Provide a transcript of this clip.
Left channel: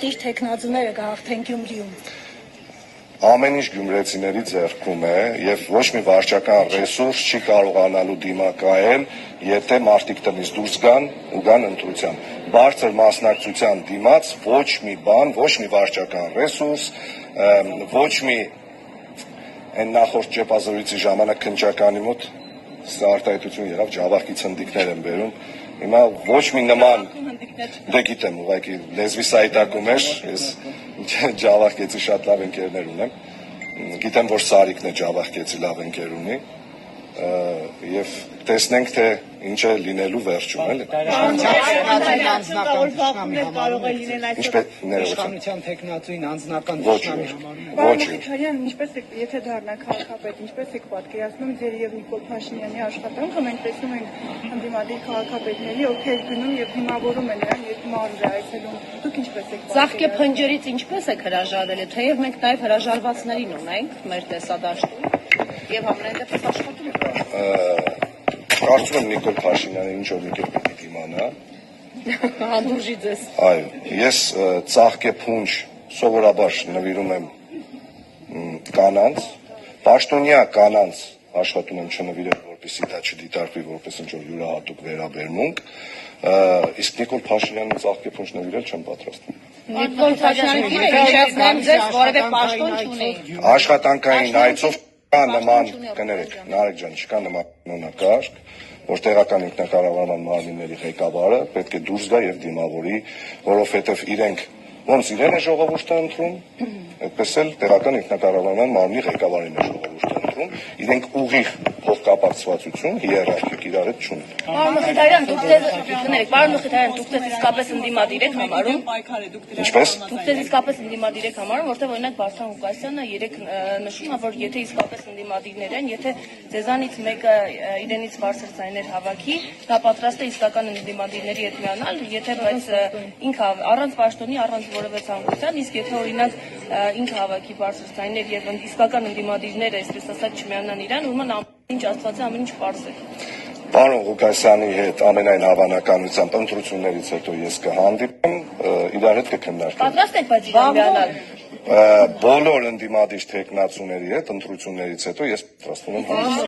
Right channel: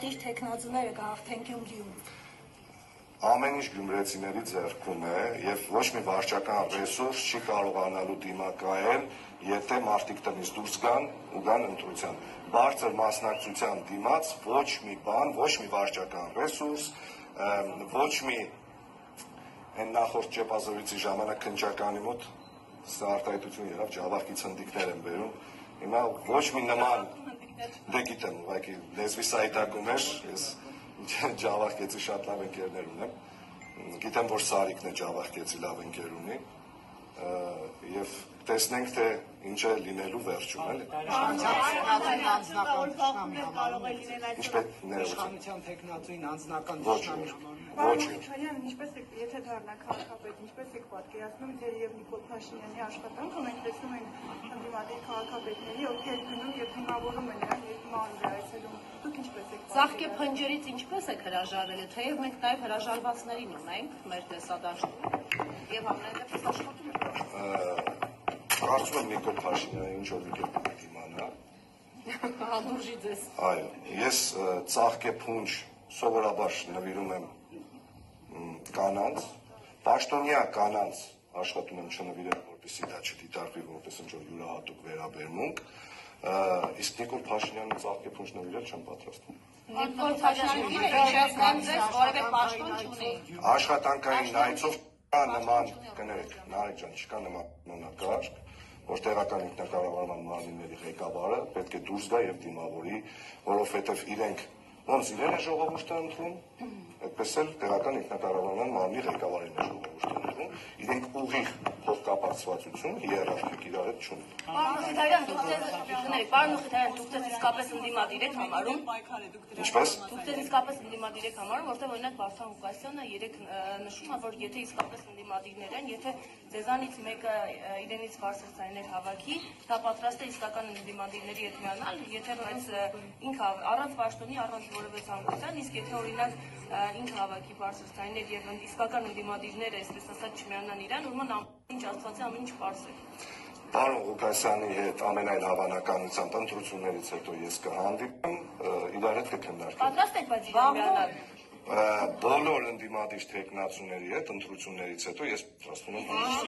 Իր տեխնազուները գաղթեն Գյումրիում։ Ամեն ինչ գյումրեցիների ձեռքում է եւ ոչ մի վարչական ռեսուրս չի կարողանալու դիմակայել, եթե մարդիկ տնից դուրս գան ու գան ընտրության։ Բարձր մասնակցության դիմաց ոչ մի բան, ոչ մի վարչական ռեսուրս, ոչ մի այն նախորդ ճեպազորույցի ժամանակ քննչականի մոտ սա արտահայտություն եղավ, ջավախքի ցնդիկներ են բերում։ Հիմա ոչ մի նման դե գիտեմ, ուղղակի լեզվի սայտակում էր, ես ջավախքեցի շատ լավ ընկերներ ունեմ, գիտեմ, որ Սարիկն է ջավախքեցի լավ ընկեր ունի, եւ տեսնենք, թե ինչ է լինելու վերջում, էլի։ Իշխանության տեխնացուին անձնական Քարյան, ինչպես եք, եթե դառնաք քաղաքապետ, ինչպես եք պատկերացնում ձեր եւ Նիկոլ Փաշինյանի աշխատանքը, մենք տեսնում ենք ընդդիմադիր քաղաքապետների, ովքեր գնում եւ դիմավորում են նրան երկմարուր այցելում։ Դուք ինչպես եք Ծաղկե փնջերից ինչպես եք հրաժարվել, թեև մենք նաև հրաժարվածներին ունենք մեր տեսադաշտում եւ ամենայն դեպս աշխատում ենք։ Կարծում եմ Նիկոլ Փաշինյանը ինչ որ մի կերպ պիտի դիմանա։ Հանդուրժի ձեզ։ Այո, ես ծաղկե փունջ սովորաբար նվիրում եմ կանանց, պաշտոնյա կանանց աշխատում եմ չնվիրել, որպեսզի դա չդիտարկվի որպես ինչ-որ յուրահատուկ վերաբերմունք, իսկ Նիկոլ Փաշինյանին ծաղկե փունջ նվիրել չեմ պատրաստվում։ Նիկոլ Փաշինյանը հիշեցնեմ ձեզ, որևէ պաշտոն չունի։ Աշխատանքային այցով կա նման, կներեք, Նարեկ ջան, չկա նման կանոնակարգ, որ տեղական ինքնակառավարման մարմինների ղեկավարը պետք է դուրս գա եւ դիմավորի, որովհետեւ իրենք ոնց իրեն է ժողովուրդը ընտրում, այդպես էլ տեղական ինքնակառավարման մարմնի ղեկավարին է ժողովուրդը ընտրում, իրենք ուղիղ փոխկապակցվածություն հիերարխիկ իրար հետ չունեն։ Պարոն Մխիթարյան, դուք ձեզ իսկապես ընդդիմադիր եք համարում։ Ինչպես։ Դուք ձեզ իսկապես ընդդիմադիր եք համարում, որտեղ օրինակ Վարդան Ղուկասյանը երեք նշում է, որ եթե իսկապես ընդդիմադիրներ են, եթե ձեզանից մեկը իրենից բարձր ձայներ հավաքի, դա պատրաստ է իսկական ընդդիմադիրների հետ միանալ, եթե բայց ինքը առանց պաշտոնի, առանց որևէ ցանկության, իսկ եթե օրինակ ինքը հավաքի բարձր ձայներ եւ իսկական ընդդիմադիրները, այսպես ասած, չմիանան իրան, ուրեմն ամեն ինչ Աստվածը ամեն ինչ պարզ է։ Պարոն Ղուկասյանի հետ ամենայն հավանականությամբ ընտրություններից հետո ես կհանդիպեմ, իրար հետ կքննարկենք։ Պատրաստ եք բայց միանալ։ Բոլոր ընդդիմադիր տեխնացուների հետ ընտրություններից հետո ես պատրաստվում եմ հանդիպել։